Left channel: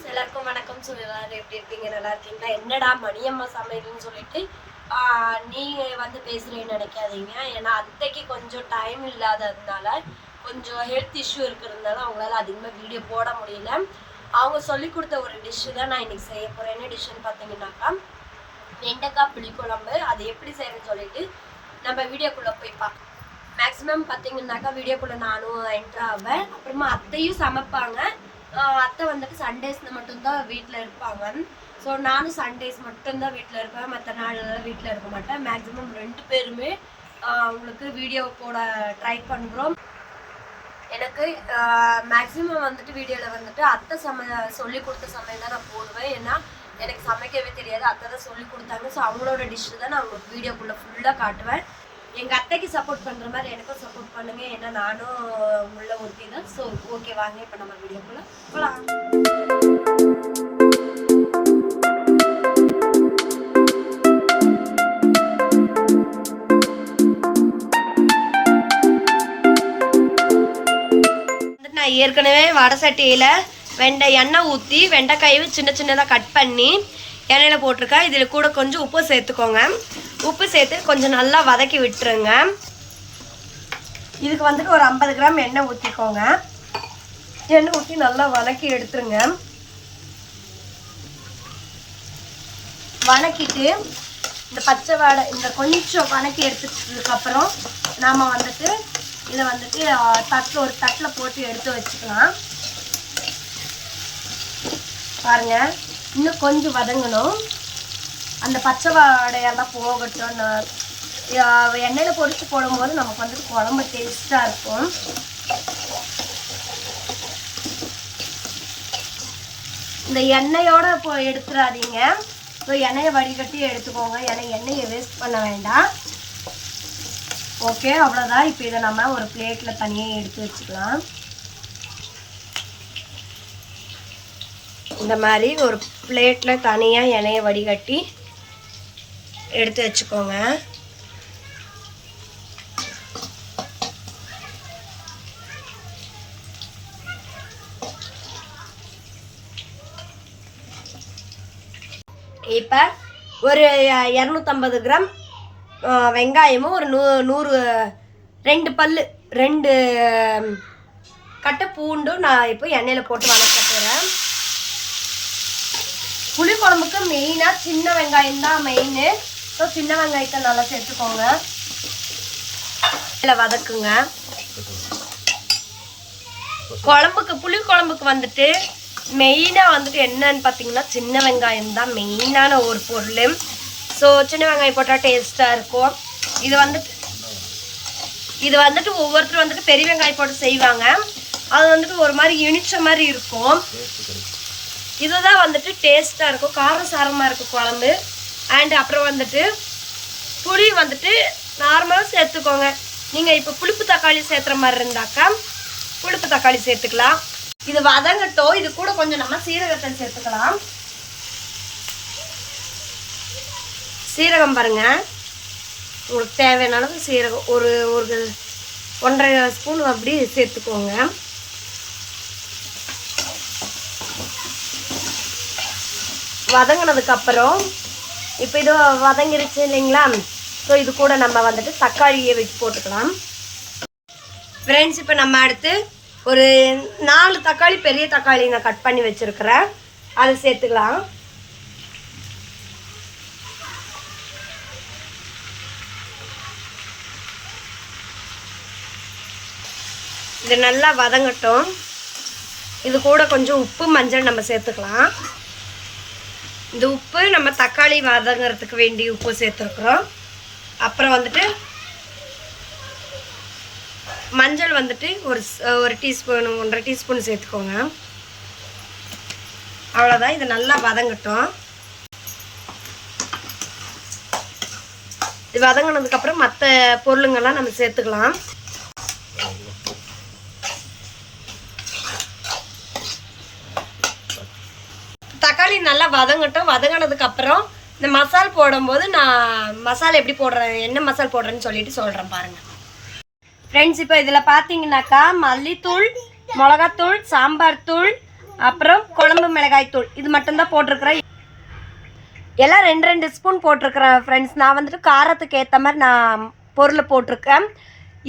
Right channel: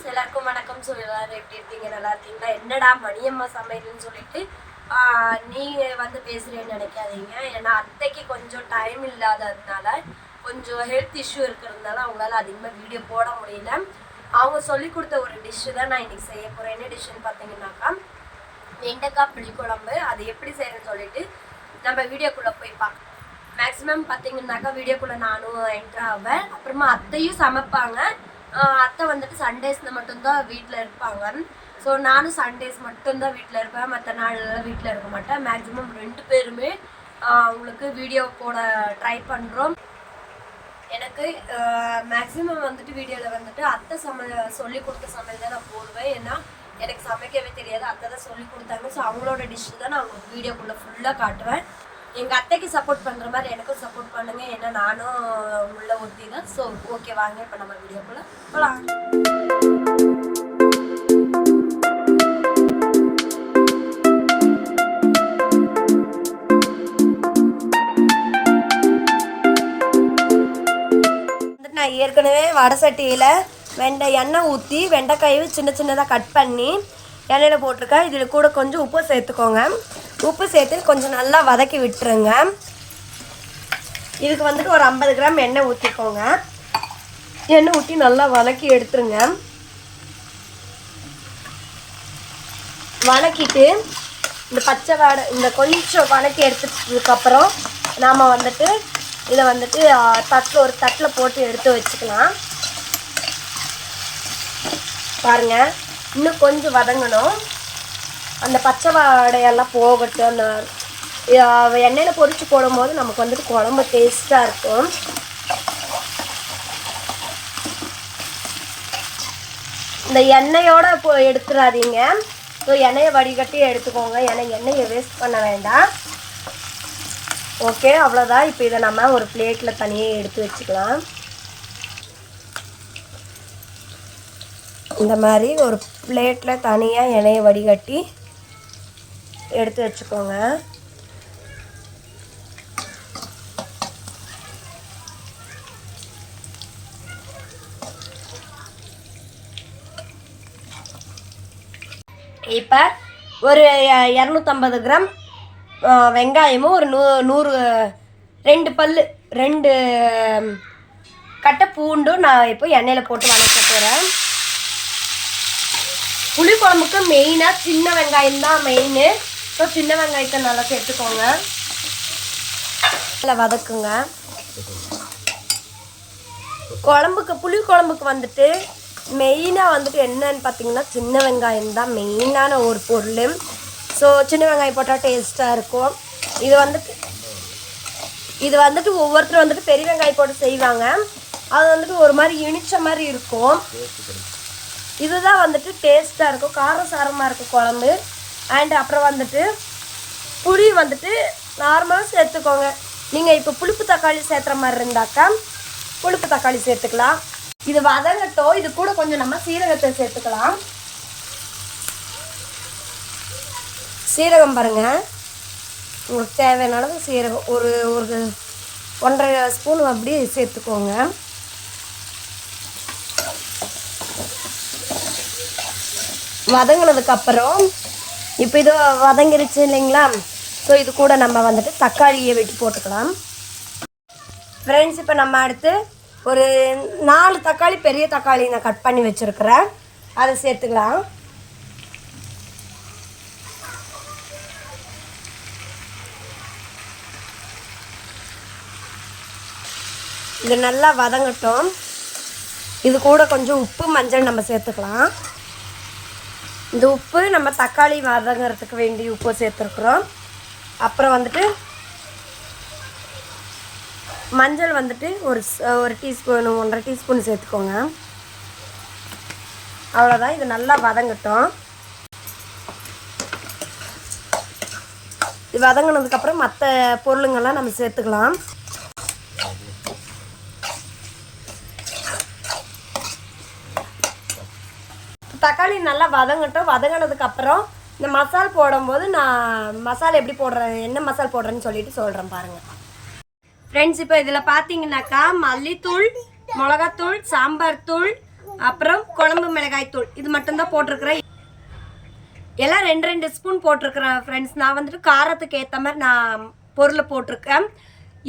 Friends எல்லாருக்கும் வணக்கம். So எல்லாரும் எப்படி இருக்கீங்க? நல்லா இருக்கீங்களா? என்னடா மணியம்மா சமையல்னு சொல்லிட்டு நீங்கள் வந்து பேசுகிறேன்னு நினைக்காதீங்க. ஏன்னா அத்தைக்கு கொஞ்சம் டைம் இல்லாததுனால கொஞ்சம் ஹெல்த் இஷ்யூ இருக்கிறதுனால அவங்களால அதிகமாக வீடியோ போட முடியல. அவங்க சொல்லி கொடுத்த ஒரு டிஷ்ஷு தான் நான் இன்றைக்கி செய்ய போகிறேன். என்ன டிஷ்ஷுன்னு பார்த்தீங்கன்னாக்கா வெண்டைக்காய் புளிக்குழம்பு. அது எப்படி செய்கிறேன்னு சொல்லிட்டு நம்ம வீடியோக்குள்ளே போய் பார்க்கலாம். மேக்ஸிமம் பார்த்தீங்கன்னாக்கா வீடியோக்குள்ளே நானும் என்ட்ரு ஆவேன். அப்புறமா அத்தையும் சமைப்பாங்க. அத்தை வந்துட்டு சண்டேஸில் மட்டும்தான் வீட்டில் இருப்பாங்க. ஸோ நானும் சண்டேஸ் மட்டும்தான் வீட்டில் இருப்பேன், மற்ற நாளெல்லாம் வீட்டில் இருக்க மாட்டேன். மேக்ஸிமம் 2 பேருமே அவங்களுக்கு வீடியோ போட ட்ரை பண்ணுறோம். எனக்கு மேக்ஸிமம் வந்துட்டு வீடியோவில் வந்துட்டு அத்தை சொல்லி கொடுத்த சமையல் தான் நான் போடுவேன். ஏன்னா எனக்கு சமைக்கவே தெரியாது, அத்தை தான் சொல்லி கொடுத்தாங்க. ஸோ அவங்களோட டிஷ்ஷு தான் நான் உங்களுக்கு வீடியோக்குள்ளே ஃபுல்லாக காட்டுவேன். எங்கள் அத்தைக்கு சப்போர்ட் பண்ணுற மாதிரி எனக்கும் சப்போர்ட் பண்ணுங்க. ஏன்னா நானும் உள்ள ஒருத்தி தான். ஸோ ஓகே, வாங்க இப்போ நம்ம வீடியோக்குள்ளே போகலாம். நான் ஏற்கனவே வடை சட்டியில் எண்ணெய் ஊற்றி வெண்டைக்காயை சின்ன சின்னதாக கட் பண்ணி எண்ணெயில் போட்டிருக்கேன். இதில் கூட கொஞ்சம் உப்பு சேர்த்துக்கோங்க. உப்பு சேர்த்து கொஞ்சம் நல்லா வதக்கி விட்டுருங்க. இதுக்கு வந்துட்டு ஒரு 50 கிராம் எண்ணெய் ஊற்றிக்கோங்க. எண்ணெய் ஊற்றி நல்லா வதக்கி எடுத்துருங்க. வதக்கிட்டு இந்த பச்சை வாடை இந்த கொஞ்சம் வதக்கி எடுத்துட்டதுக்கப்புறம் நாம் வந்துட்டு இதை வந்துட்டு ஒரு தட்டில் போட்டு எடுத்து வச்சுக்கலாம். பாருங்கள், இன்னும் கொஞ்சம் வதங்கணும். அந்த பச்சை வாடையெல்லாம் போகட்டும். அந்த எண்ணெயில் பொரிச்சு போடும்போது நமக்கு வந்துட்டு குழம்பு டேஸ்ட்டாக இருக்கும். இந்த எண்ணெயோடு இப்போ எடுத்துடாதீங்க. ஸோ எண்ணெயை வடிகட்டி எடுத்துக்கோங்க. ஏன்னா எண்ணெயை வேஸ்ட் பண்ண வேண்டாம். ஓகே, அவ்வளோதான். இப்போ இதை நம்ம ஒரு பிளேட்டில் தனியாக எடுத்து வச்சுக்கலாம். இந்த மாதிரி ஒரு பிளேட்டில் தனியாக எண்ணெயை வடிகட்டி எடுத்து வச்சுக்கோங்க. இப்போ ஒரு 250 கிராம் வெங்காயமும் ஒரு 2 பல்லு 2 கட்டை பூண்டும் நான் இப்போ எண்ணெயில் போட்டு வதக்க போகிறேன். புளிக்குழம்புக்கு மெயினாக சின்ன வெங்காயம் தான் மெயின். ஸோ சின்ன வெங்காயத்தை நல்லா சேர்த்துக்கோங்க. இதில் வதக்குங்க. புளிக்குழம்புக்கு வந்துட்டு மெயினாக வந்துட்டு என்னன்னு பார்த்தீங்கன்னா சின்ன வெங்காயம் தான் மெயினான ஒரு பொருள். ஸோ சின்ன வெங்காயம் போட்டால் டேஸ்ட்டாக இருக்கும். இது வந்துட்டு ஒவ்வொருத்தரும் வந்துட்டு பெரிய வெங்காயம் போட்டு செய்வாங்க. அது வந்துட்டு ஒரு மாதிரி இனிச்ச மாதிரி இருக்கும். இதுதான் வந்துட்டு டேஸ்ட்டாக இருக்கும், காரசாரமாக இருக்கும் குழம்பு. அண்ட் அப்புறம் வந்துட்டு புளி வந்துட்டு நார்மலாக சேர்த்துக்கோங்க. நீங்கள் இப்போ புளிப்பு தக்காளி சேர்த்துற மாதிரி இருந்தாக்கா புளிப்பு தக்காளி சேர்த்துக்கலாம். இது வதங்கட்டும். இது கூட கொஞ்சம் நம்ம சீரகத்தை சேர்த்துக்கலாம். சீரகம் பாருங்கள், உங்களுக்கு தேவையான அளவு சீரகம் ஒரு 1.5 ஸ்பூன் அப்படி சேர்த்துக்கோங்க. வதங்கினதுக்கப்புறம் இப்போ இது வதங்கிருச்சு இல்லைங்களா? ஸோ இது கூட நம்ம வந்துட்டு தக்காளியை வெட்டி போட்டுக்கலாம். ஃப்ரெண்ட்ஸ், இப்போ நம்ம அடுத்து ஒரு 4 தக்காளி, பெரிய தக்காளி நான் கட் பண்ணி வச்சுருக்கிறேன், அதை சேர்த்துக்கலாம். இது நல்லா வதங்கட்டும். இது கூட கொஞ்சம் உப்பு மஞ்சள் நம்ம சேர்த்துக்கலாம். இந்த உப்பு நம்ம தக்காளி வதங்கிறதுக்கு வேண்டிய உப்பு சேர்த்துருக்குறோம். அப்புறம் வந்துட்டு மஞ்சள் வந்துட்டு ஒரு டீஸ்பூன் 1.5 டீஸ்பூன் சேர்த்துக்கோங்க. அவ்வளோதான். இது நல்லா வதங்கட்டும். இது வதங்கினதுக்கப்புறம் மற்ற பொருளுங்கள்லாம் நம்ம சேர்த்துக்கலாம். தக்காளி நல்லா வதங்கட்டும். வதங்கினதுக்கப்புறம் இந்த மசால் போடும்போது நான் மசாலா எப்படி போடுறேன், என்ன மசால் போடுறேன்னு சொல்லிட்டு சொல்கிறேன் பாருங்கள். ஃப்ரெண்ட்ஸ், இப்போ இதில் பார்த்தீங்கன்னாக்கா மல்லித்தூள், மிளகாத்தூள், சாம்பார் தூள், அப்புறம் குழம்பு மிளகாய் தூள் இது மட்டும்தான் போட்டிருக்கிறேன். எல்லாம் 2 ஸ்பூன் போட்டிருக்கிறேன் ஃப்ரெண்ட்ஸ். நான் வந்துட்டு காரத்துக்கு ஏற்ற மாதிரி நான் பொருளை போட்டிருக்கேன்.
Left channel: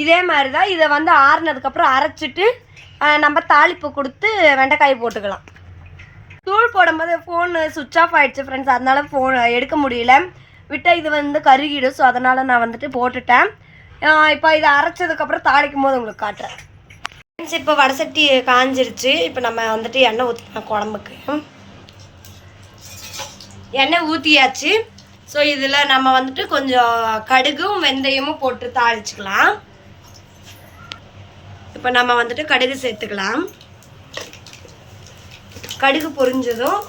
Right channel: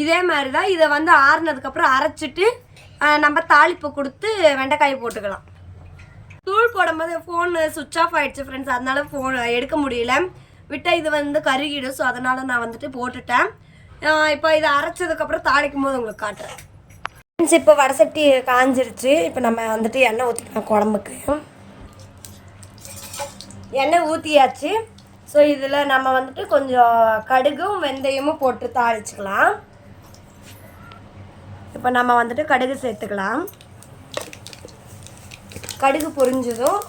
இதே மாதிரி தான் இதை வந்து ஆறுனதுக்கப்புறம் அரைச்சிட்டு நம்ம தாளிப்பு கொடுத்து வெண்டைக்காய் போட்டுக்கலாம். தூள் போடும்போது ஃபோன் சுவிட்ச் ஆஃப் ஆகிடுச்சு ஃப்ரெண்ட்ஸ். அதனால் ஃபோன் எடுக்க முடியல, விட்டால் இது வந்து கருகிடும். ஸோ அதனால் நான் வந்துட்டு போட்டுட்டேன். இப்போ இதை அரைச்சதுக்கப்புறம் தாளிக்கும் போது உங்களுக்கு காட்டுறேன் ஃப்ரெண்ட்ஸ். இப்போ வடசட்டி காஞ்சிருச்சு. இப்போ நம்ம வந்துட்டு எண்ணெய் ஊற்றிக்கலாம். குழம்புக்கு எண்ணெய் ஊற்றியாச்சு. ஸோ இதில் நம்ம வந்துட்டு கொஞ்சம் கடுகும் வெந்தயமும் போட்டு தாளிச்சுக்கலாம். இப்போ நம்ம வந்துட்டு கடுகு சேர்த்துக்கலாம். கடுகு பொரிஞ்சதும்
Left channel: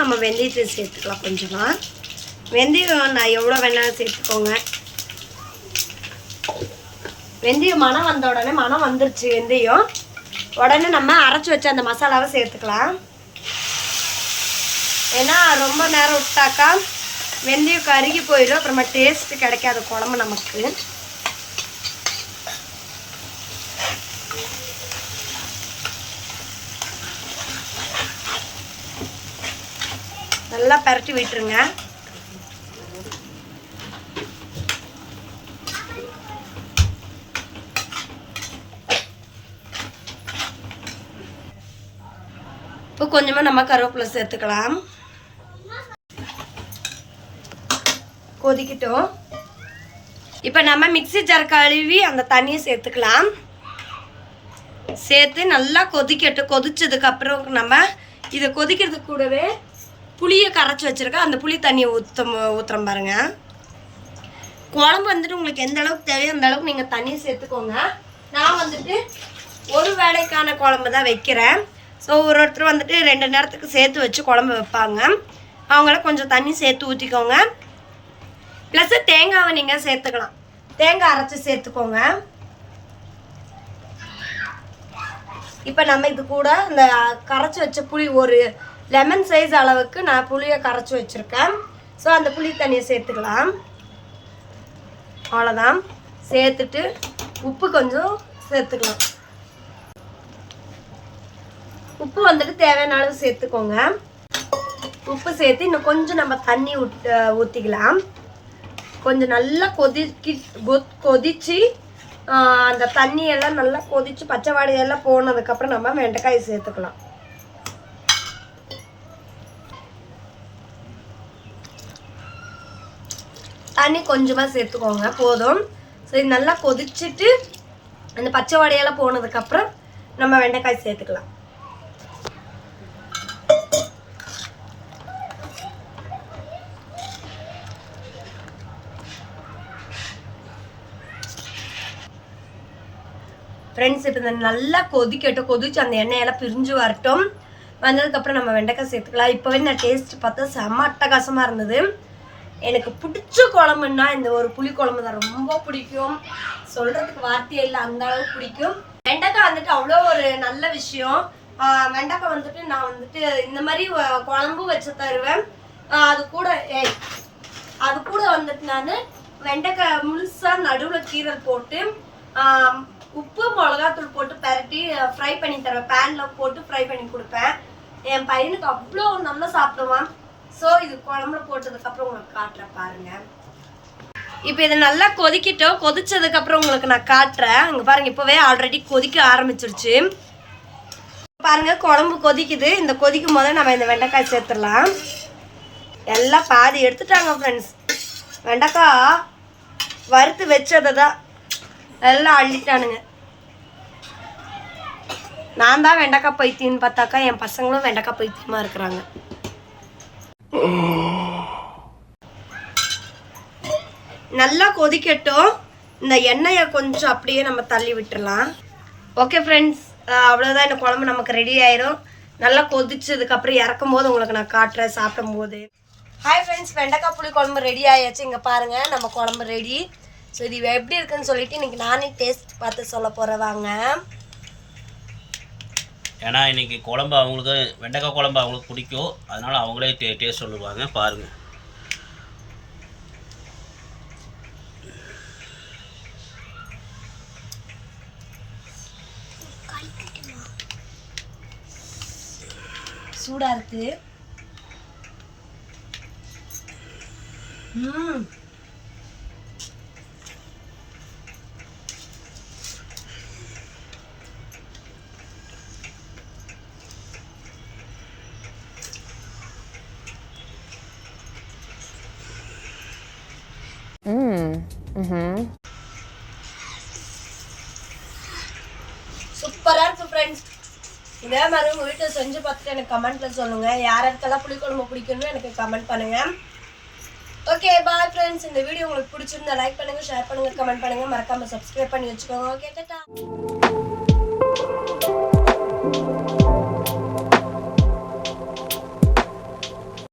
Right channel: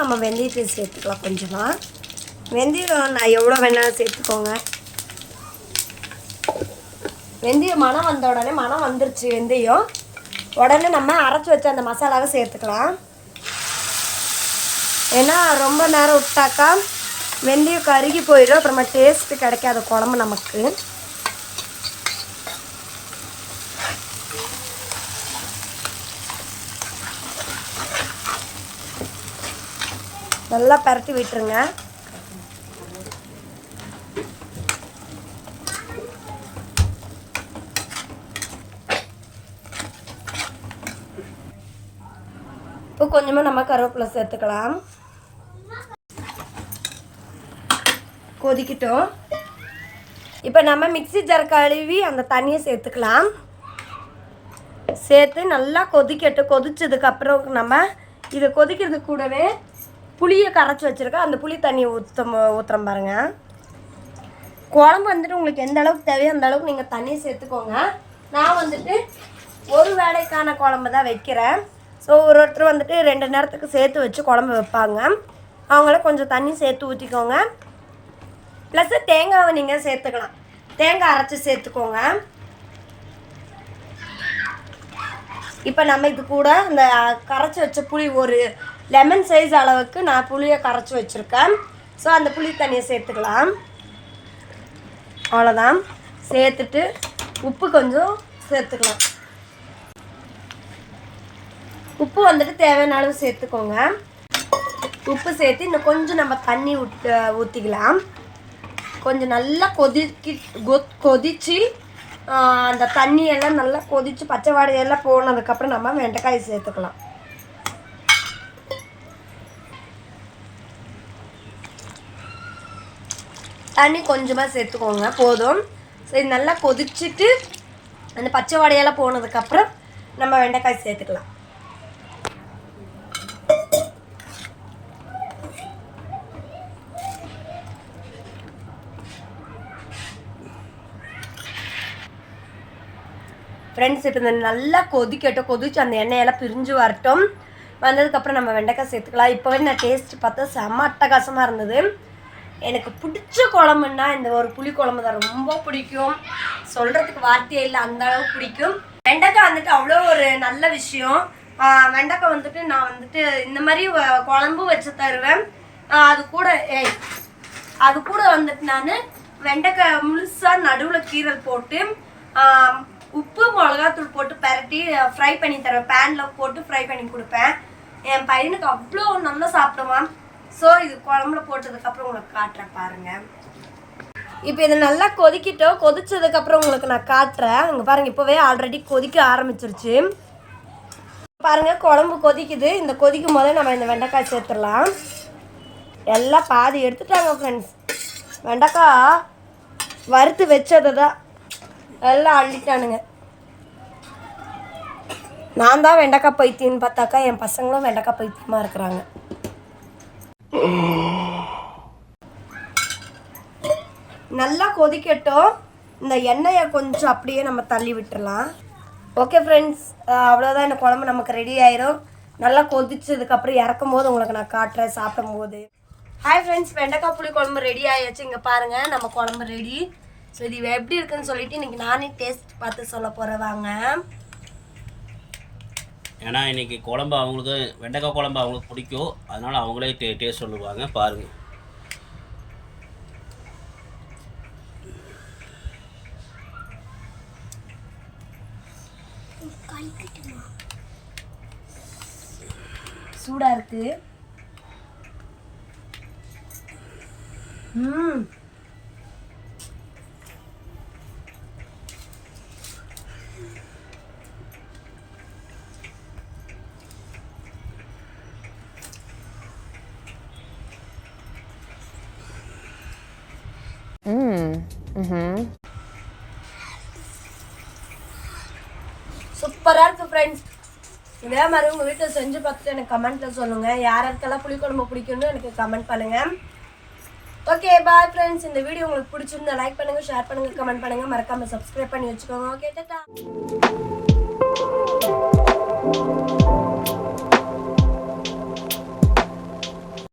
நம்ம வெந்தயத்தை சேர்த்துக்கலாம். கொஞ்சமாக வெந்தயம் நான் எவ்வளோ வேணாலும் சேர்த்துக்கோங்க. வெந்தயம் மனம் வந்த உடனே மனம் வந்துருச்சு வெந்தயம். உடனே நம்ம அரைச்சி வச்ச அந்த மசாலாவை சேர்த்துக்கலாம். ஏன்னா ரொம்ப நேரம் விட்டாக்கா வெந்தயம் கருகி போயிடும். அப்புறமா டேஸ்ட்டு கிடைக்காத குழம்பு நமக்கு. நல்லா பரட்டி விட்டுருங்க. இப்போ கொஞ்சமாக நம்ம கருவேப்பிலை சேர்த்துக்கலாம். கொதிக்கிட்டோம். இப்போ நம்ம மிக்ஸி ஜார் கழுவி அந்த தண்ணியை சேர்த்துக்கலாம். சேர்த்து நல்லா கொதிக்கட்டும். கொதிச்சதுக்கப்புறம் நம்ம இதை கொதிக்கிறதுக்கு கூடவே புளியை கரைச்சி வச்சுருக்கேன். அந்த புளி தண்ணியை ஊற்றுறோம் பாருங்க. குழம்பு வந்துட்டு உங்களுக்கு எந்த அளவுக்கு தேவையோ அந்த அளவுக்கு நீங்கள் தண்ணியை சேர்த்துக்கோங்க. நான் வந்துட்டு ஒரு வேளைக்கான குழம்பு தான் வைக்கிறேன். ஸோ ஒருத்தர் வந்துட்டு 2 நேரத்துக்கு சேர்த்து வச்சு குழம்பு வைப்பாங்க. அவங்கள கொஞ்சம் தண்ணி சேர்த்து ஊற்றிக்கோங்க. ப்ளஸ்ஸு தேங்காவை நீங்கள் சேர்த்துக்கலாம். தேங்காய் அரைச்சி சேர்த்துக்கோங்க. இப்போ நம்ம இது கூட அந்த கரைச்சி வச்ச புளி ஒரு லெமன் சைஸ் அளவுக்கு நான் புளியை கரைச்சி வச்சுருக்கேன். ஸோ அந்த புளி தண்ணியை சேர்த்துக்கலாம். அவ்வளோதான். சேர்த்துட்டு உப்பு கொஞ்சம் சேர்த்துக்கலாம். உப்பு வந்துட்டு தேவையான அளவு சேர்த்துக்கோங்க. உப்பு சேர்த்து இன்னும் கொஞ்சம் நம்ம தண்ணி ஊற்றிக்கலாம். கொஞ்சம் நல்லா கொதிச்சு அந்த தண்ணியெல்லாம் நல்லா கொதிச்சு பச்சை வாடையெல்லாம் போனதுக்கப்புறம் நம்ம வெண்டைக்காய் சேர்த்துக்கலாம். தண்ணி கொஞ்சமாக சேர்த்துக்கோங்க, போதும். சரி, நல்லா கொதிச்சுட்டு அந்த பச்சை வாடையெல்லாம் போனதுக்கப்புறம் நம்ம வெண்டைக்காய் சேர்த்துக்கலாம். ஃப்ரெண்ட்ஸ், இப்போ நல்லா கொதிச்சு அந்த எண்ணெயெல்லாம் பிரிஞ்சு வரட்டும். வந்ததுக்கப்புறம் நம்ம வெண்டைக்காய் சேர்த்துக்கலாம். இப்போவே நான் டேஸ்ட் பார்த்தா செம்ம அட்டகாசமாக இருந்தது. எனக்கு பிடிச்ச குழம்புன்னா இந்த ஒரு புளி குழம்பு தான் ரொம்ப பிடிக்கும். சொல்கிறதுக்கு வார்த்தையே இல்லை, அந்த அளவுக்கு பிடிக்கும். வெண்டைக்காய் வந்துட்டு அவ்வளோ ஒரு நல்ல விஷயம். வெண்டைக்காய் வந்துட்டு நான் வந்துட்டு இந்த மாதிரி குழம்பு வச்சு தருவேன். அது கூட வந்துட்டு நான் வெண்டைக்காய் முழுசாக நடுவில் கீரல் போட்டு உப்பு மிளகாத்தூள் போட்டு பரட்டி ஃப்ரை பண்ணி தருவேன். பேனில் போட்டு ஃப்ரை பண்ணி கொடுப்பேன். என் பையனுக்கு அவ்வளோ நல்லா சாப்பிடுவான். ஸோ இது குழம்புல போட்டதுக்கப்புறம் உங்களுக்கு காட்டுறேன் பாருங்கள். இப்போ இது நல்லா கொதிக்கிட்டோம். கொதிச்சதுக்கப்புறம் உங்களுக்கு நான் காட்டுறேன். இங்கே பாருங்கள், இப்போவே ஆல்ரெடி கொதிக்க ஆரம்பிச்சிருச்சு. பாருங்கள், குழம்பு கொதிக்குது. இந்த கொதிக்கும் போது நம்ம இந்த வெண்டைக்காய் சேர்த்துடலாம். எல்லாம் பாதி எடுத்துட்டாங்க ஃப்ரெண்ட்ஸ். வெண்டைக்காய் வறுத்து வச்சதை தான் எல்லாம் அள்ளிட்டானுங்க. நான் தான் வெண்டைக்காய் பைத்தியம்னு பார்த்தாக்கா என் பசங்களும் வெண்டைக்காய் பைத்தியமாக இருக்கிறாங்க. நல்லா கொதிக்கட்டும். இந்த எண்ணெயை கொஞ்சம் அப்படியே நம்ம தள்ளி விட்டுடலாம். ஓகே ஃப்ரெண்ட்ஸ், அவ்வளோதான். இந்த குழம்பு நமக்கு ரெடி ஆயிரும். நல்லா கொதிச்சதுக்கப்புறம் இறக்கும் போது உங்களுக்கு நான் காட்டுறேன் சாப்பிடும் போது. ஹாய் ஃப்ரெண்ட்ஸ், வெண்டைக்காய் புளி குழம்பு ரெடி ஆயாச்சு. இங்கே பாருங்கள், நம்ம குழம்பு ரெடி. ஸோ இது எப்படி இருக்குன்னு சொல்லிட்டு இன்னைக்கு நானே டேஸ்ட் பார்த்து சொல்ல போகிறேன் வாங்க. ஏன்னா இன்றைக்கி குழம்பு அவங்களுக்கு வெண்டைக்காய் குழம்பு அவங்களுக்கு பிடிக்கும், அதனால் அவங்களே டேஸ்ட் சொல்லுவாங்க. பாருங்கள். சூடாக இருக்கு. சூப்பராக இருக்குது ஃப்ரெண்ட்ஸ். இதே மாதிரி உங்கள் வீட்டில் செஞ்சு பார்த்துட்டு எனக்கு கமெண்ட்டில் சொல்லுங்கள். யாருக்கெல்லாம் புளிக்குழம்பு பிடிக்கும்னு எனக்கு கமெண்ட் பண்ணுங்கள். Okay bye friends. இந்த வீடியோ உங்களுக்கு பிடிச்சிருந்தா லைக் பண்ணுங்கள், ஷேர் பண்ணுங்கள், கமெண்ட் பண்ணுங்கள், மறக்காமல் சப்ஸ்கிரைப் பண்ணி வச்சுக்கோங்க. ஓகே டாடா.